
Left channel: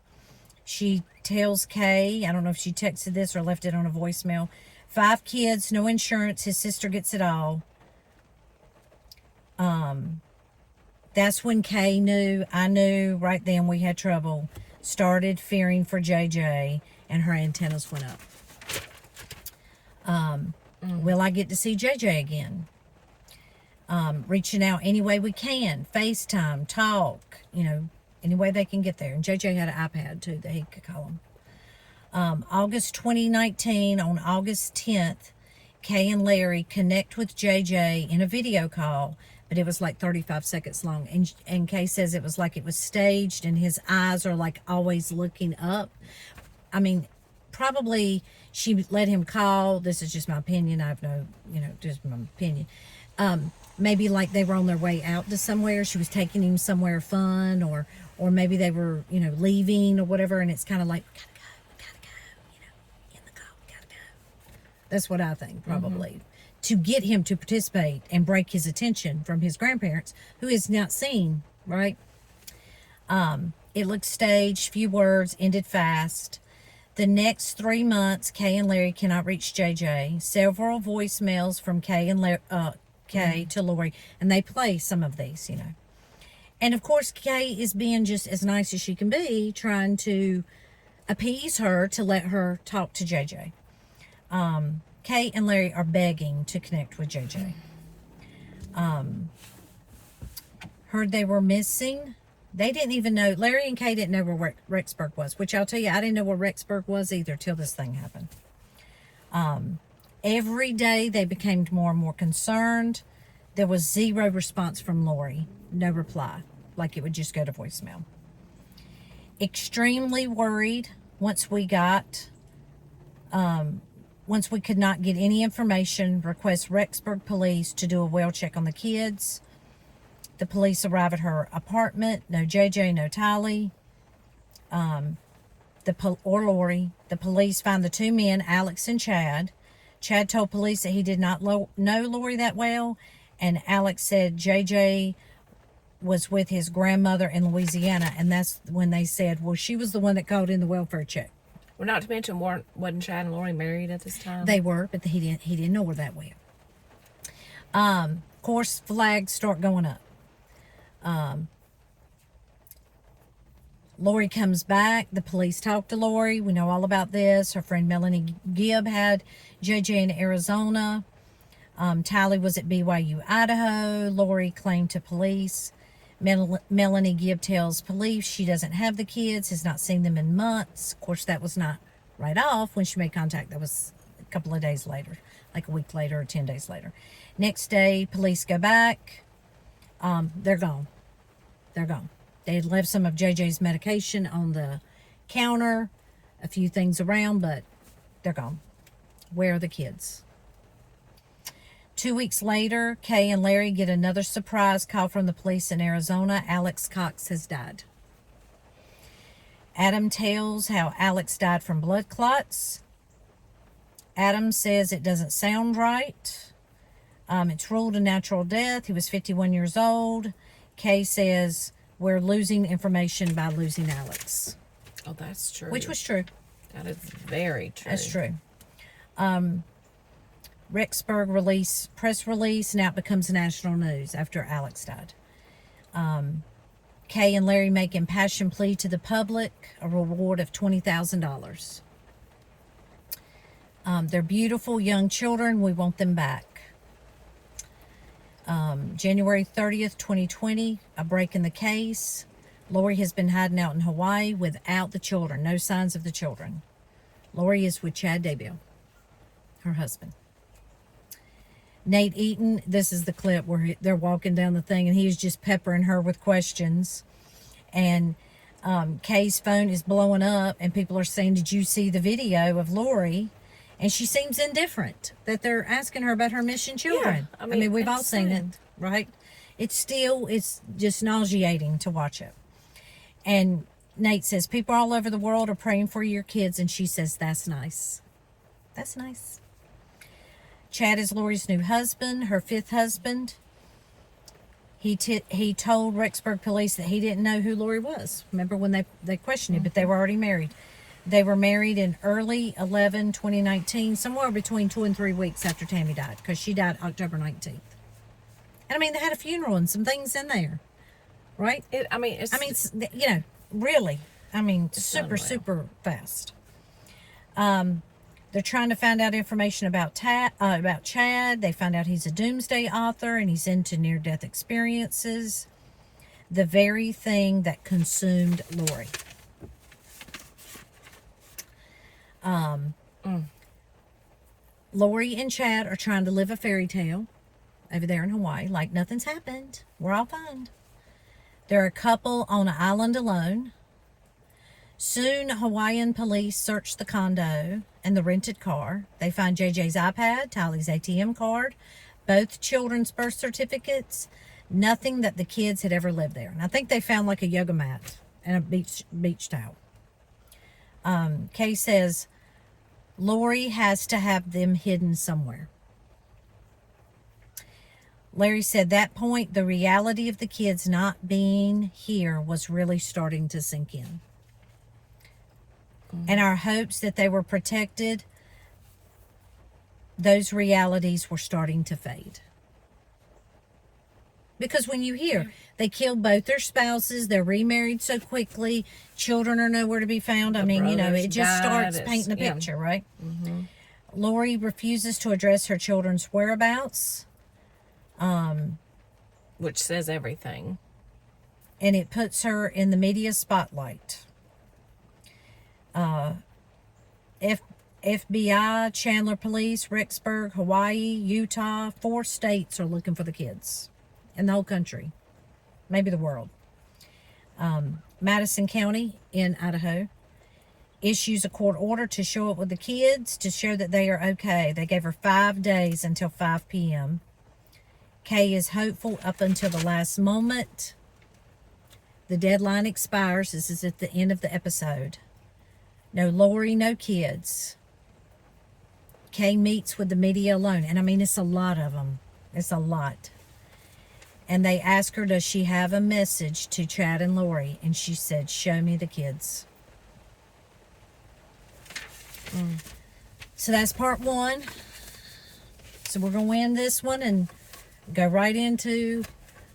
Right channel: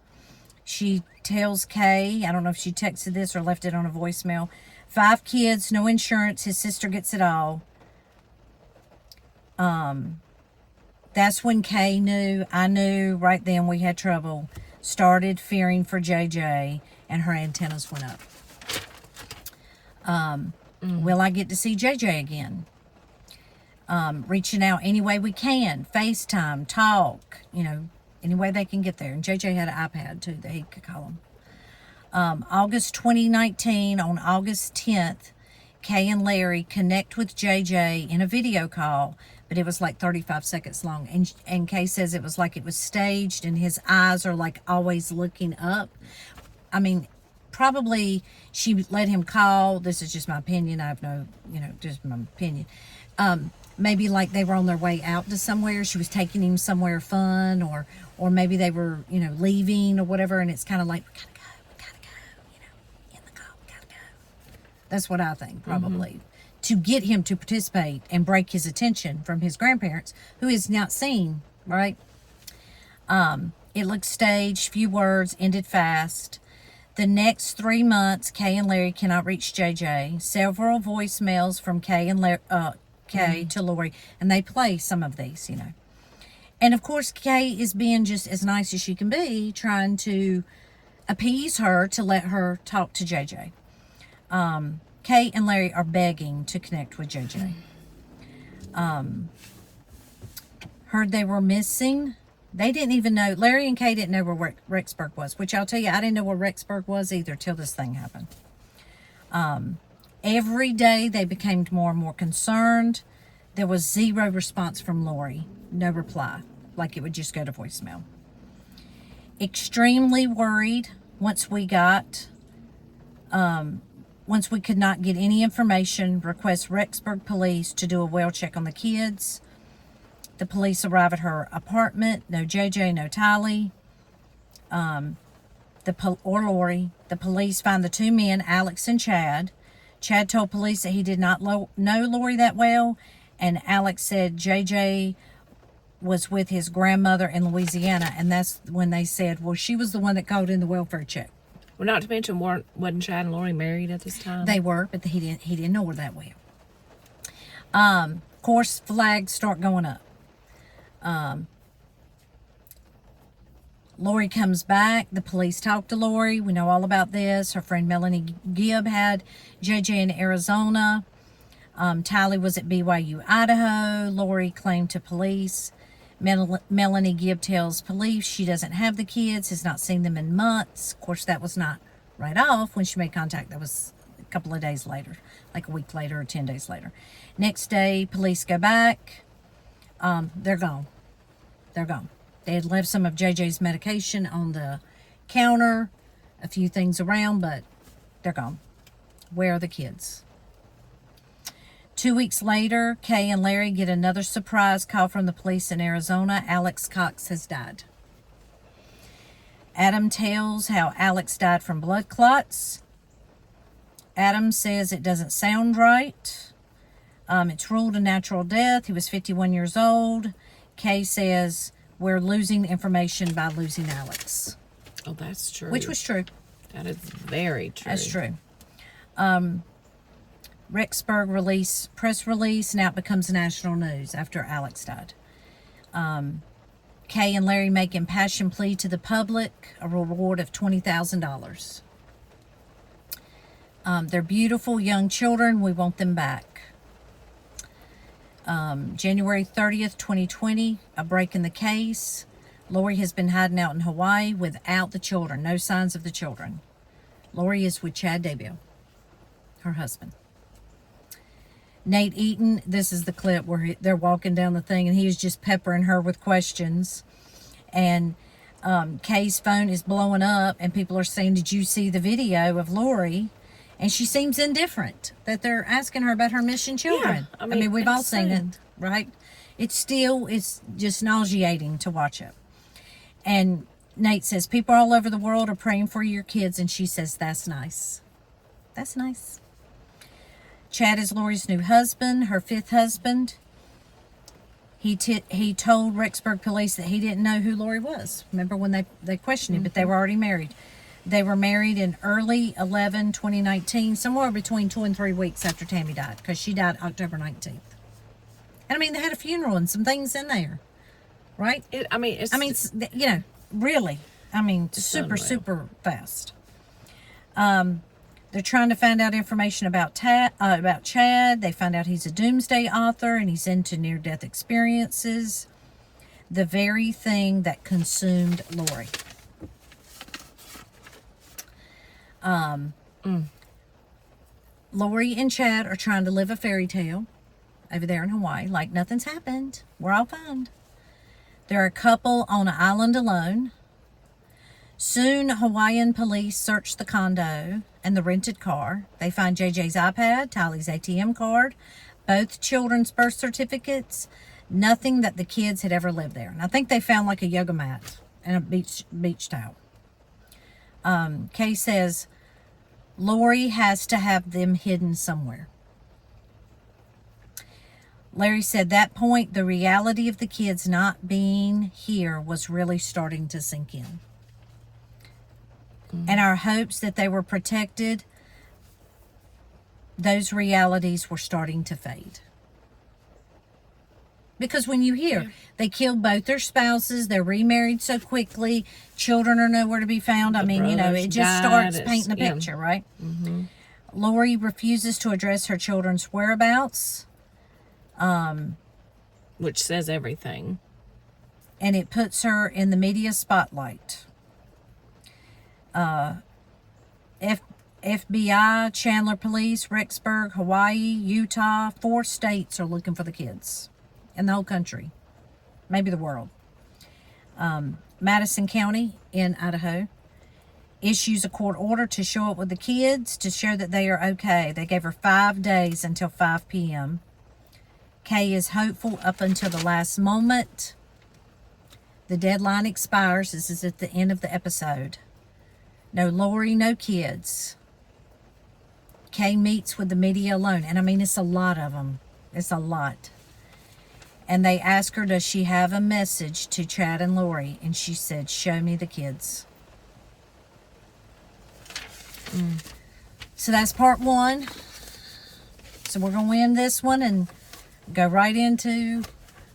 She tells Kay, I don't know if she texted this or left it on a voicemail, 5 kids, no insurance, his sister gets it all. That's when Kay knew, I knew right then we had trouble, started fearing for JJ, and her antennas went up. Will I get to see JJ again? Reaching out any way we can, FaceTime, talk, any way they can get there. And JJ had an iPad too that he could call him. August 2019, on August 10th, Kay and Larry connect with JJ in a video call, but it was like 35 seconds long. And Kay says it was like it was staged and his eyes are like always looking up. I mean, probably she let him call. This is just my opinion. I have no, just my opinion. Maybe like they were on their way out to somewhere. She was taking him somewhere fun, or maybe they were, leaving or whatever. And it's kind of like, we gotta go, in the car, we gotta go. That's what I think, probably. To get him to participate and break his attention from his grandparents, who is not seen, right? It looked staged, few words, ended fast. The next 3 months, Kay and Larry cannot reach JJ. Several voicemails from Kay and Larry, Kay to Lori, and they play some of these, And of course, Kay is being just as nice as she can be, trying to appease her to let her talk to JJ. Kay and Larry are begging to connect with JJ. Heard they were missing. They didn't even know, Larry and Kay didn't know where Rexburg was, which I'll tell you, I didn't know where Rexburg was either till this thing happened. Every day they became more and more concerned. There was zero response from Lori. No reply. Like it would just go to voicemail. Extremely worried once we could not get any information, request Rexburg police to do a well check on the kids. The police arrive at her apartment. No JJ, no Tylee. Or Lori. The police find the 2 men, Alex and Chad. Chad told police that he did not know Lori that well, and Alex said JJ was with his grandmother in Louisiana, and that's when they said, well, she was the one that called in the welfare check. Well, not to mention, wasn't Chad and Lori married at this time? They were, but he didn't know her that well. Of course, flags start going up. Lori comes back. The police talk to Lori. We know all about this. Her friend Melanie Gibb had JJ in Arizona. Tylee was at BYU, Idaho. Lori claimed to police. Melanie Gibb tells police she doesn't have the kids, has not seen them in months. Of course, that was not right off when she made contact. That was a couple of days later, like a week later or 10 days later. Next day, police go back. They're gone. They're gone. They had left some of JJ's medication on the counter, a few things around, but they're gone. Where are the kids? 2 weeks later, Kay and Larry get another surprise call from the police in Arizona. Alex Cox has died. Adam tells how Alex died from blood clots. Adam says it doesn't sound right. It's ruled a natural death. He was 51 years old. Kay says we're losing information by losing Alex. Oh, that's true. Which was true. That is very true. That's true. Rexburg press release, now it becomes national news after Alex died. Kay and Larry make impassioned plea to the public, a reward of $20,000. They're beautiful young children. We want them back. January 30th, 2020, a break in the case. Lori has been hiding out in Hawaii without the children. No signs of the children. Lori is with Chad Daybell, her husband. Nate Eaton, this is the clip where they're walking down the thing and he is just peppering her with questions. And Kay's phone is blowing up and people are saying, did you see the video of Lori? And she seems indifferent that they're asking her about her missing children. Yeah, I mean we've all seen it. right? It's just nauseating to watch it. And Nate says, people all over the world are praying for your kids. And she says, that's nice. That's nice. Chad is Lori's new husband, her 5th husband. He told Rexburg police that he didn't know who Lori was. Remember when they questioned him, but they were already married. They were married in early 2019, somewhere between 2 and 3 weeks after Tammy died, because she died October 19th. And I mean, they had a funeral and some things in there, right? Really. I mean, super fast. They're trying to find out information about Chad. They find out he's a Doomsday author and he's into near-death experiences. The very thing that consumed Lori. Lori and Chad are trying to live a fairy tale over there in Hawaii, like nothing's happened. We're all fine. They're a couple on an island alone. Soon, Hawaiian police search the condo and the rented car. They find JJ's iPad, Tylee's ATM card, both children's birth certificates, nothing that the kids had ever lived there. And I think they found like a yoga mat and a beach towel. Kay says, Lori has to have them hidden somewhere. Larry said that point, the reality of the kids not being here was really starting to sink in. And our hopes that they were protected, those realities were starting to fade. Because when you hear they killed both their spouses, they're remarried so quickly, children are nowhere to be found. It just starts painting a picture, right? Mm-hmm. Lori refuses to address her children's whereabouts. Which says everything. And it puts her in the media spotlight. FBI, Chandler Police, Rexburg, Hawaii, Utah, 4 states are looking for the kids. In the whole country. Maybe the world. Madison County in Idaho issues a court order to show up with the kids to show that they are okay. They gave her 5 days until 5 p.m. Kay is hopeful up until the last moment. The deadline expires. This is at the end of the episode. No Lori, no kids. Kay meets with the media alone. And I mean, it's a lot of them. It's a lot. And they ask her, does she have a message to Chad and Lori? And she said, show me the kids. So that's part 1. So we're going to end this one and go right into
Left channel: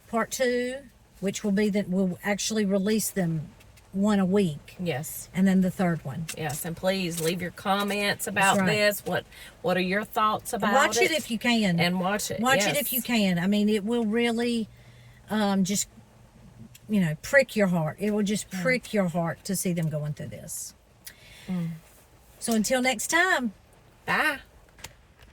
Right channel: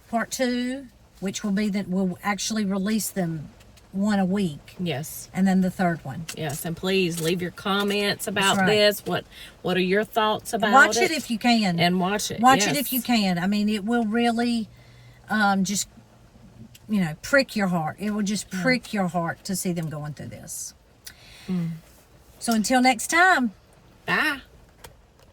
part 2, which will be that we'll actually release them one a week. Yes. And then the 3rd one. Yes, and please leave your comments about this. What are your thoughts about Watch it if you can. And watch it. Watch it if you can. I mean, it will really just, prick your heart. It will just prick your heart to see them going through this. So until next time. Bye.